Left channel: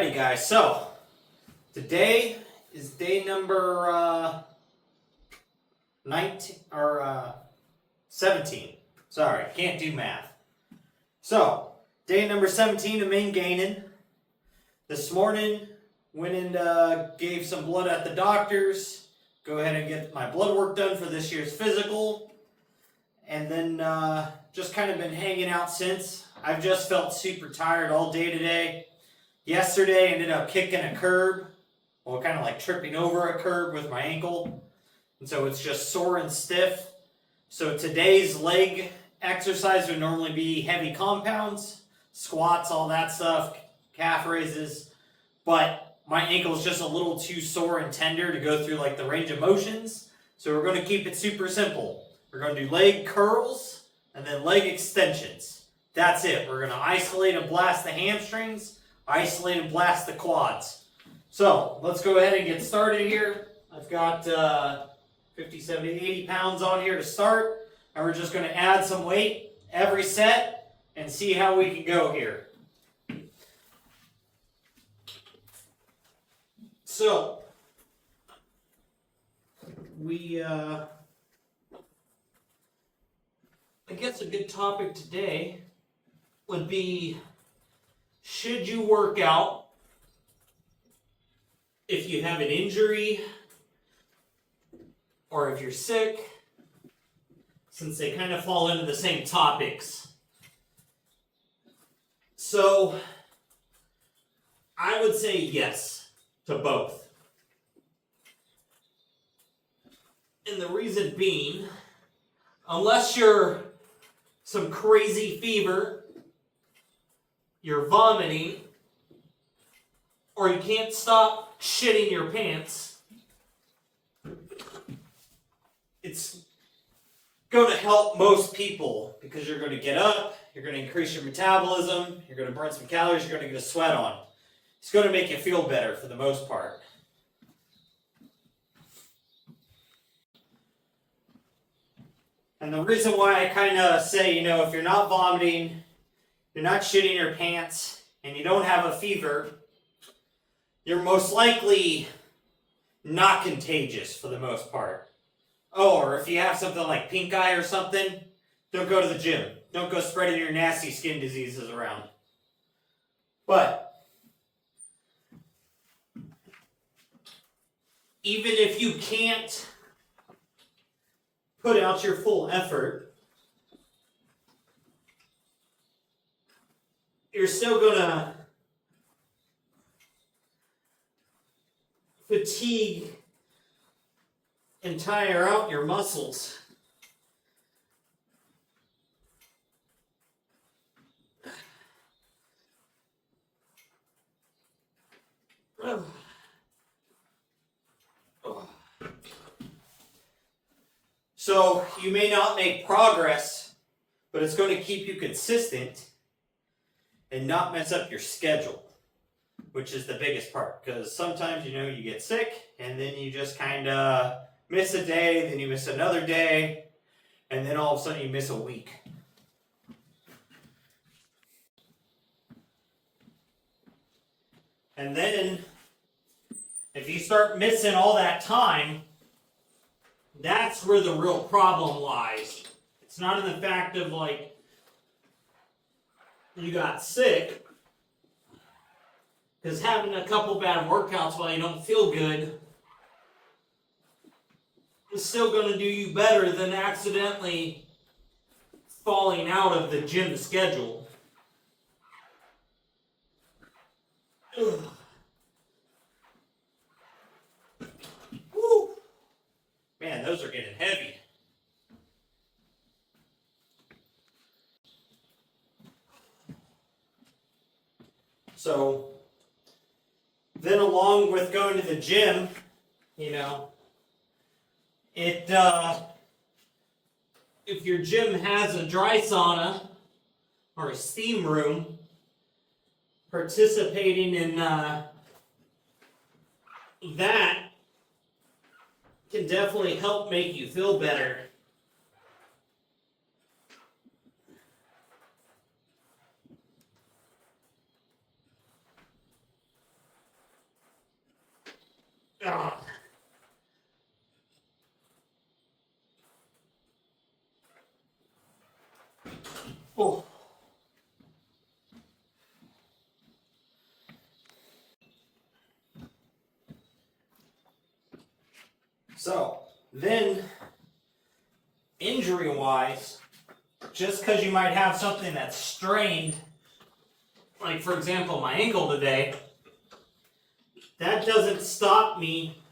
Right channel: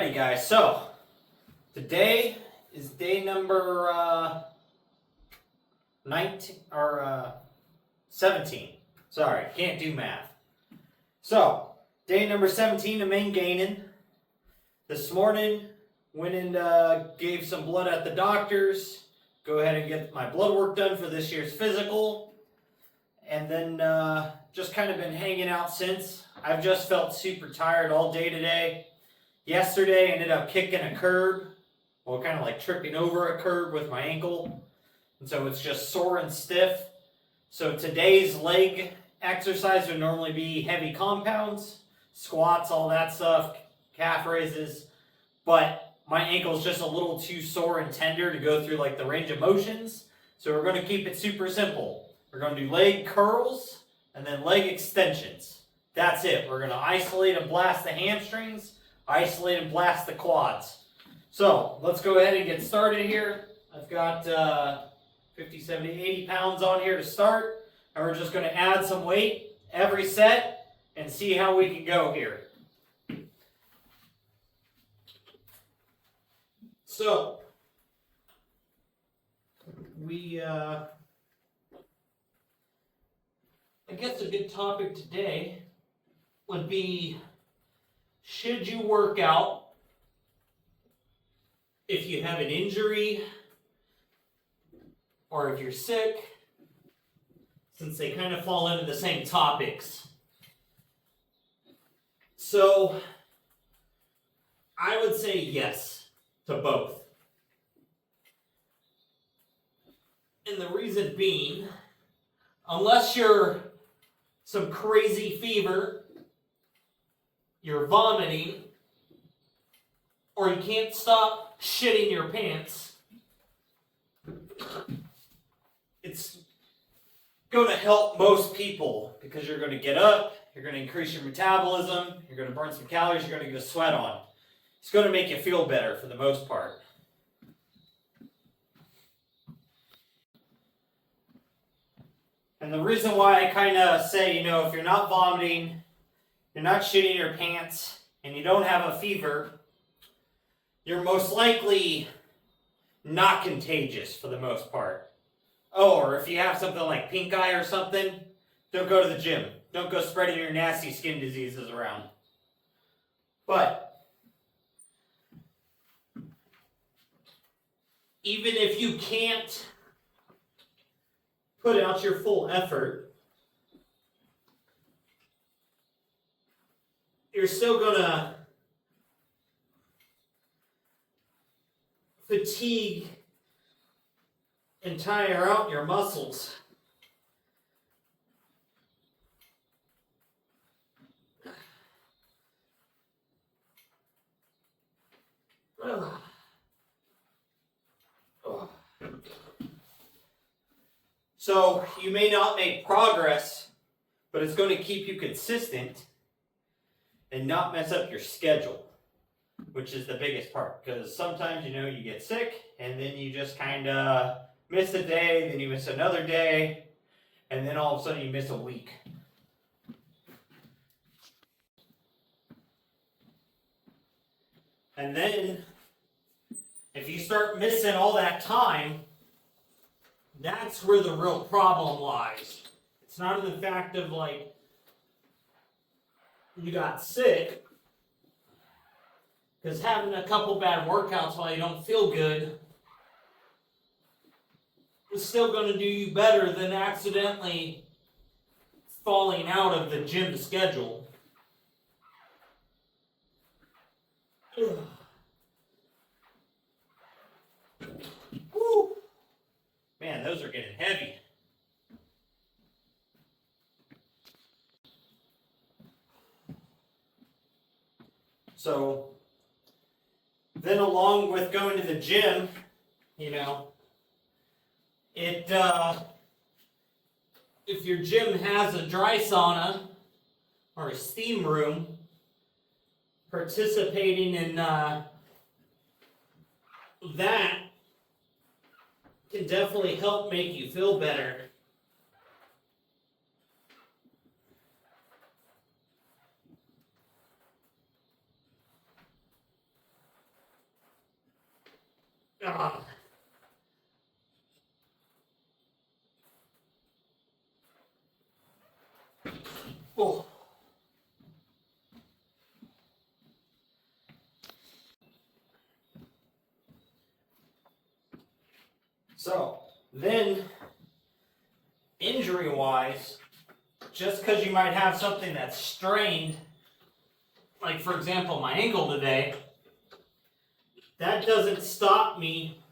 Alrighty, guys. So today is day number 19 or 17. Sorry, can't do math. So day number 17 of main gaining. This morning went and gave some blood at the doctor's. Go ahead and get my blood work done for this year's physical, and then just kind of been hanging out since. I've just felt super tired all day today. Yesterday, ended up kicking a curb, well, kind of like tripping over a curb with my ankle, and so it's just sore and stiff. So today's leg exercise would normally be heavy compounds, squats, all that stuff, calf raises, but my ankle is just a little too sore and tender to go through like the range of motions, so we're going to keep it super simple. We're going to do leg curls and then leg extensions. That's it. We're going to isolate and blast the hamstrings, isolate and blast the quads. So let's go ahead and get started here. I've got 50, 70, 80 pounds on here to start, and we're just going to add some weight every set and see how we can go here. So I guess a good topic today would be, should you work out if you have an injury or if you're sick, since they kind of fall into the same topics. So I would say yes to both. And the reason being, unless you're some crazy fever, you're vomiting, or you can't stop shitting your pants, it's going to help most people because you're going to get up, you're going to increase your metabolism, you're going to burn some calories, you're going to get a sweat on. It's going to make you feel better for the most part. And the reason why I kind of say, if you're not vomiting, you're not shitting your pants, and you don't have a fever, you're most likely not contagious for the most part. Oh, or if you have something like pink eye or something, don't go to the gym. Don't go spreading your nasty skin diseases around. But even if you can't put out your full effort, you're still gonna fatigue and tire out your muscles. So you may not make progress, but it's going to keep you consistent and not mess up your schedule, which is the biggest part. Because sometimes, you get sick and then you just kind of miss a day, then you miss another day, and then all of a sudden you miss a week. And then if you start missing all that time, that's where the real problem lies. It's not in the fact of you got sick, because having a couple bad workouts while you don't feel good is still going to do you better than accidentally falling out of the gym schedule. Ugh. Woo. Man, those are getting heavy. So, then along with going to the gym, if your gym has a dry sauna or a steam room, participating in that can definitely help make you feel better. Ah. Oh. So, then, injury-wise, just because you might have something that's strained, like for example my ankle today, that doesn't stop me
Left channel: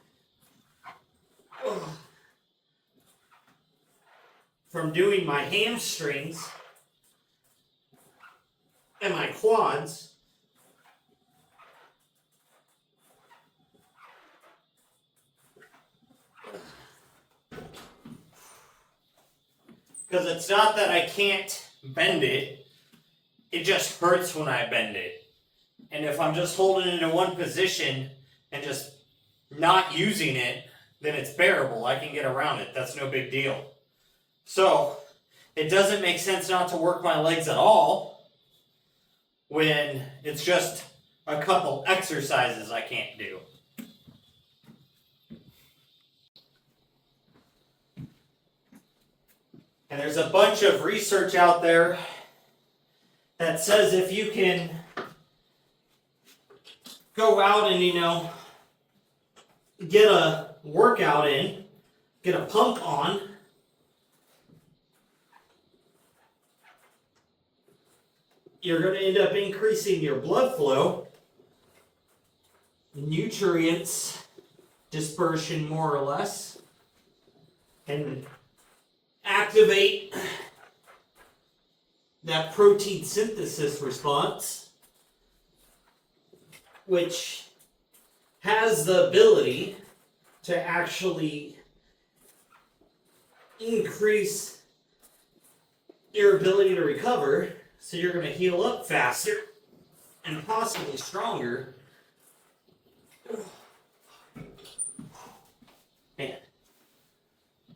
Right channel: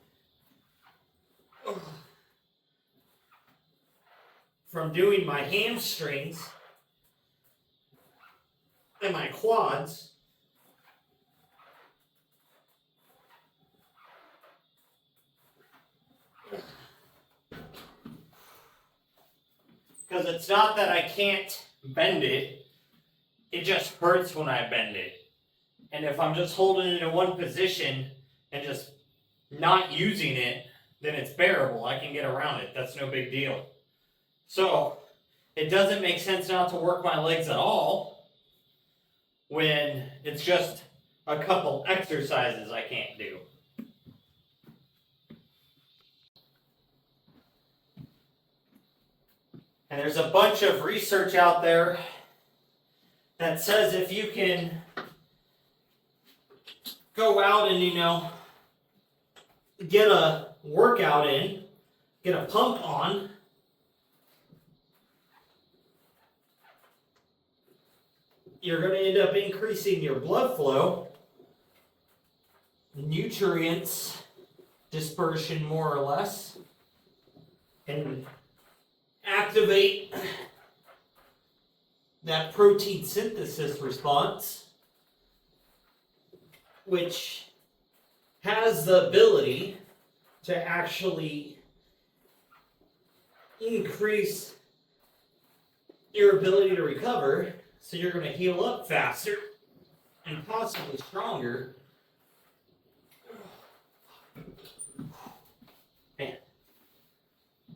from doing my hamstrings and my quads. Because it's not that I can't bend it, it just hurts when I bend it. And if I'm just holding it in one position and just not using it, then it's bearable. I can get around it. That's no big deal. So, it doesn't make sense not to work my legs at all when it's just a couple exercises I can't do. And there's a bunch of research out there that says if you can go out and, get a workout in, get a pump on, you're going to end up increasing your blood flow, nutrients dispersion more or less, and activate that protein synthesis response, which has the ability to actually increase your ability to recover, so you're going to heal up faster and possibly stronger. Man,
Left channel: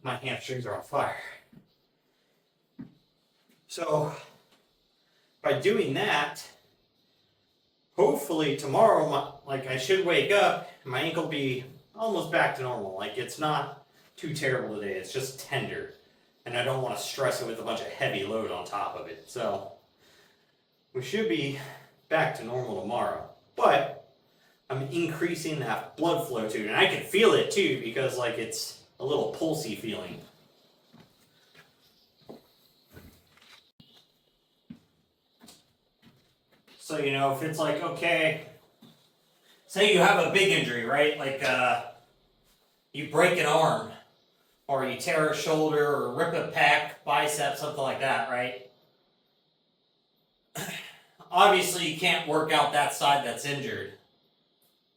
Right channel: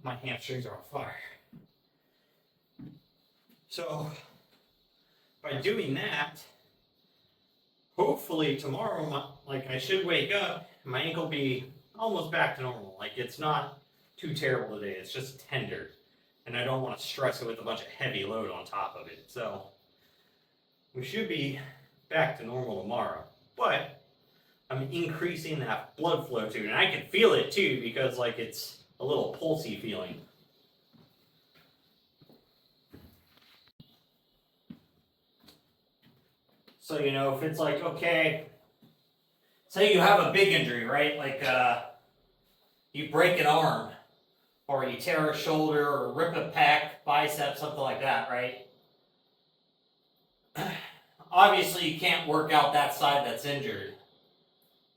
my hamstrings are on fire. So, by doing that, hopefully tomorrow, I should wake up, and my ankle be almost back to normal. Like, it's not too terrible today, it's just tender. And I don't want to stress it with a bunch of heavy load on top of it. So, we should be back to normal tomorrow. But, I'm increasing that blood flow too. And I can feel it too, because it's a little pulsy feeling. So, if it's okay, say you have a big injury, right? You break an arm, or you tear a shoulder, or rip a pec, bicep, something like that, right? Obviously, you can't work out that side that's injured.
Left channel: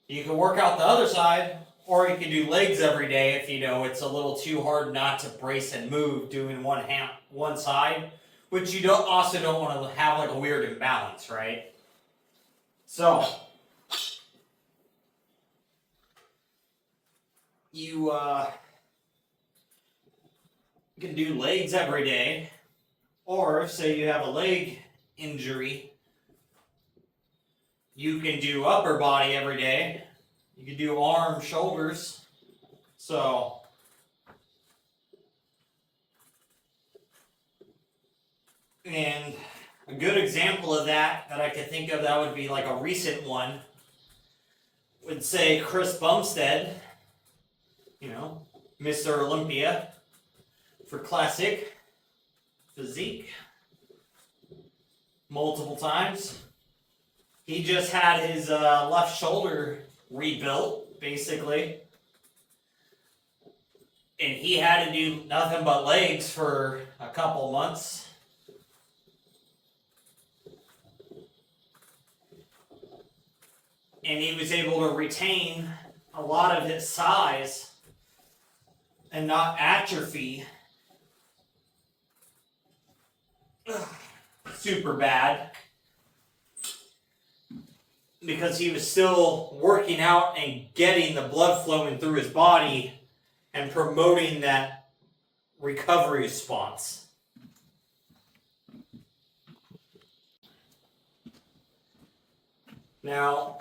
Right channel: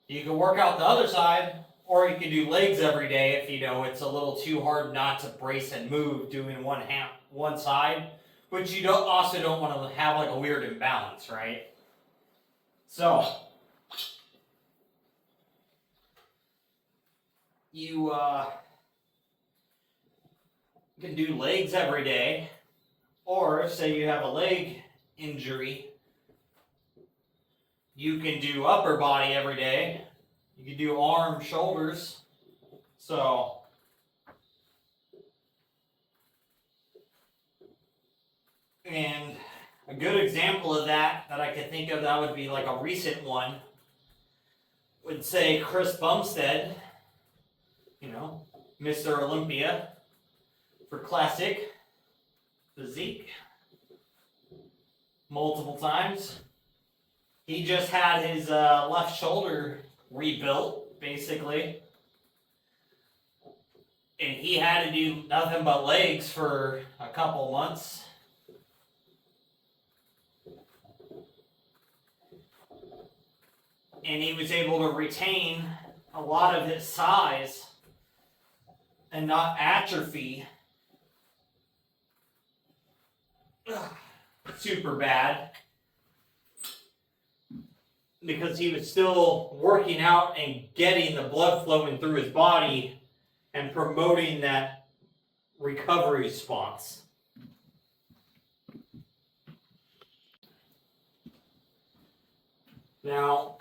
You can work out the other side, or you can do legs every day if it's a little too hard not to brace and move doing one side, which you also don't want to have a weird imbalance, right? So, you can do legs every day, or say you have a leg injury, you can do upper body every day. You can do arms, shoulders. So, and a good example of that I could think of that would be a recent one would say Chris Bumstead, Mr. Olympia for classic physique multiple times. He just had his left shoulder rebuilt, basically. And he had to do nothing but legs for a couple months. And he was able to retain a lot of his size and not atrophy super bad, because he was still working out and getting the blood flowing through his body and promoting that recovery response. Now,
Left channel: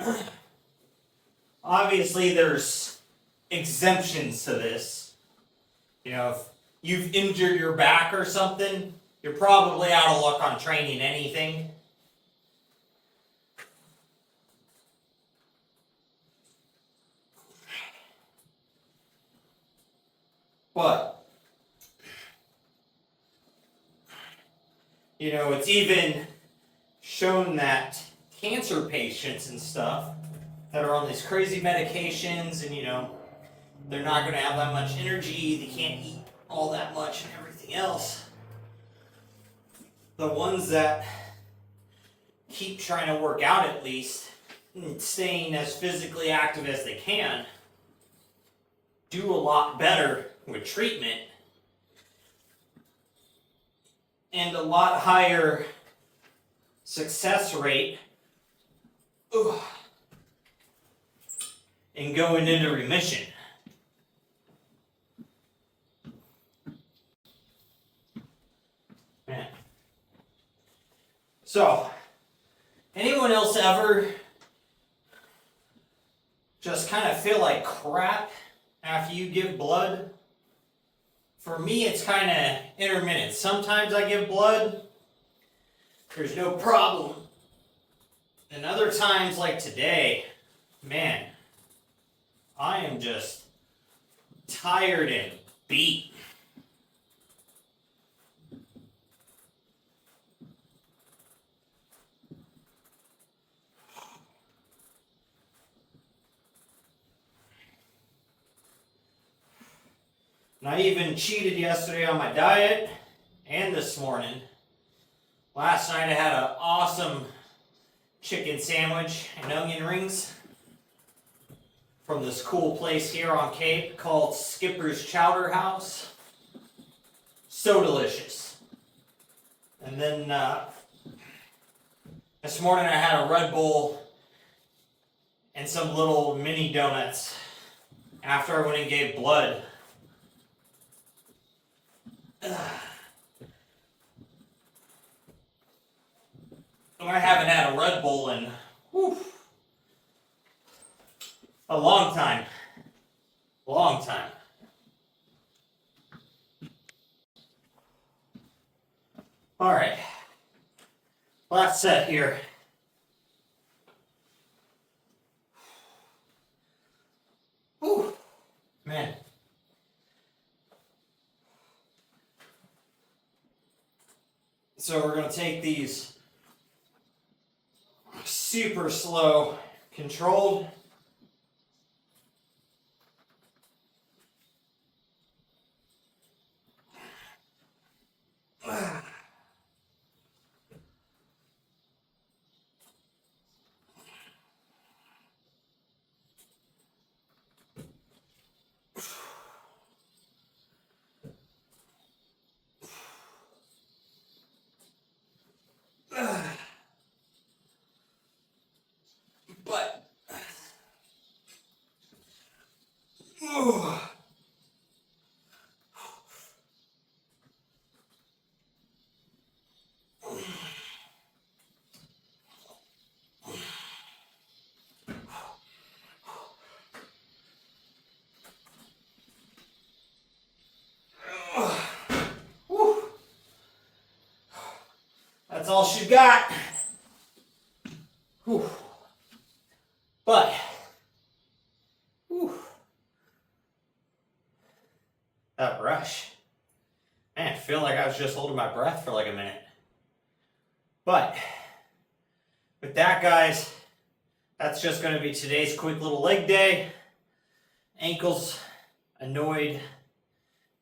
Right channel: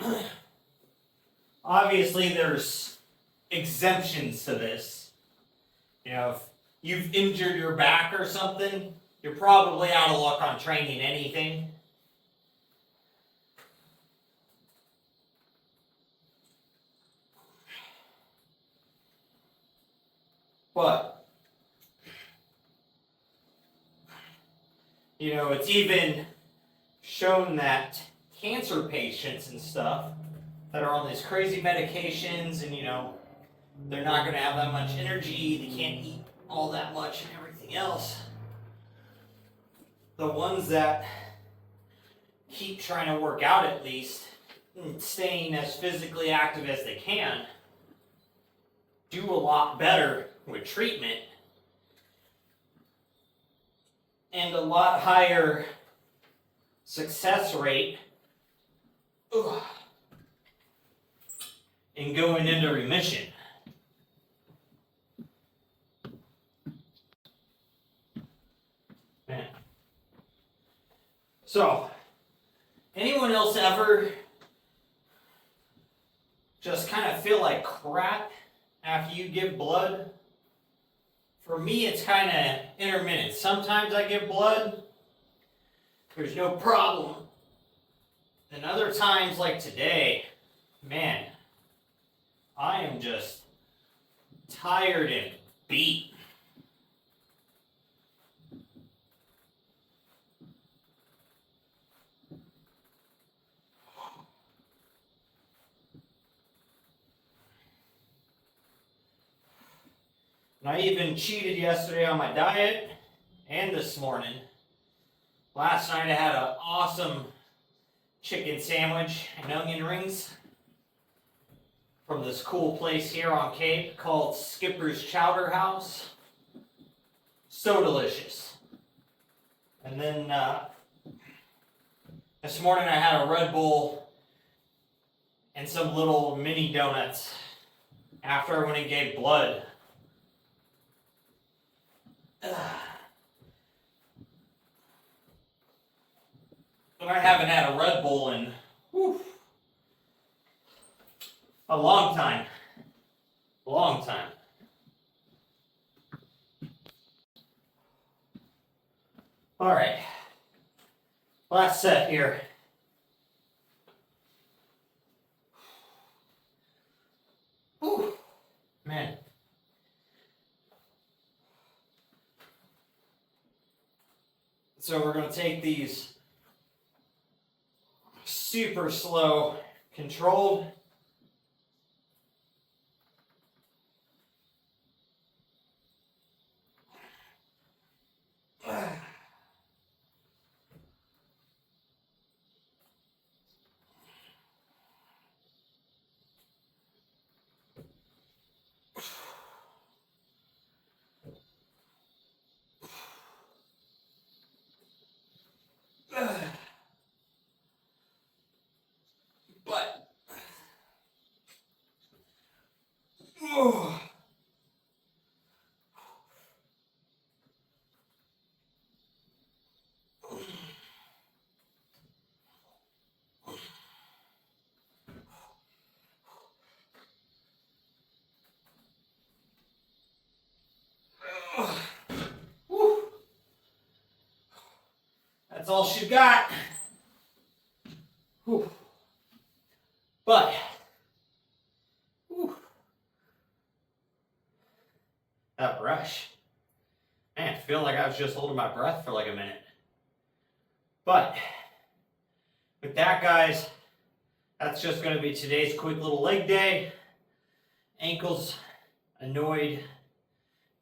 obviously there's exemptions to this. You know, if you've injured your back or something, you're probably out of luck on training anything. But, you know, it's even shown that cancer patients and stuff that are on these crazy medications and, you know, they're not going to have that much energy, they can't eat all that much and everything else. The ones that keep trying to work out at least, and staying as physically active as they can, do a lot better with treatment and a lot higher success rate in going into remission. Man. So, anyone else ever just kind of feel like crap after you give blood? For me, it's kind of intermittent. Sometimes I give blood, there's no problem. And other times, like today, man, I am just tired and beat. And I even cheated yesterday on my diet and this morning. Last night I had an awesome chicken sandwich and onion rings from this cool place here on Cape called Skipper's Chowder House. So delicious. And then this morning I had a Red Bull and some little mini donuts after I went and gave blood. I haven't had a Red Bull in a long time. Long time. Alright. Last set here. Whew. Man. So we're going to take these super slow, controlled. But that's all she got. Whew. But that brush, man, I feel like I was just holding my breath for like a minute. But with that, guys, that's just going to be today's quick little leg day. Ankles annoyed,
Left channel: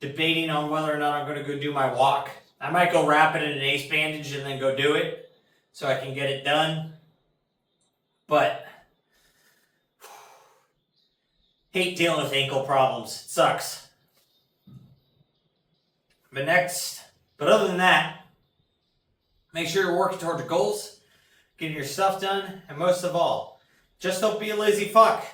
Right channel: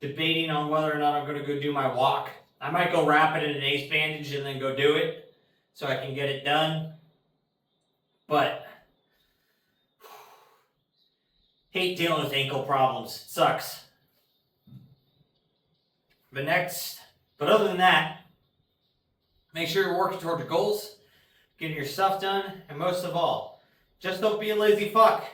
debating on whether or not I'm going to go do my walk. I might go wrap it in an ace bandage and then go do it so I can get it done. But hate dealing with ankle problems. It sucks. But other than that, make sure you're working toward your goals, getting your stuff done, and most of all, just don't be a lazy fuck.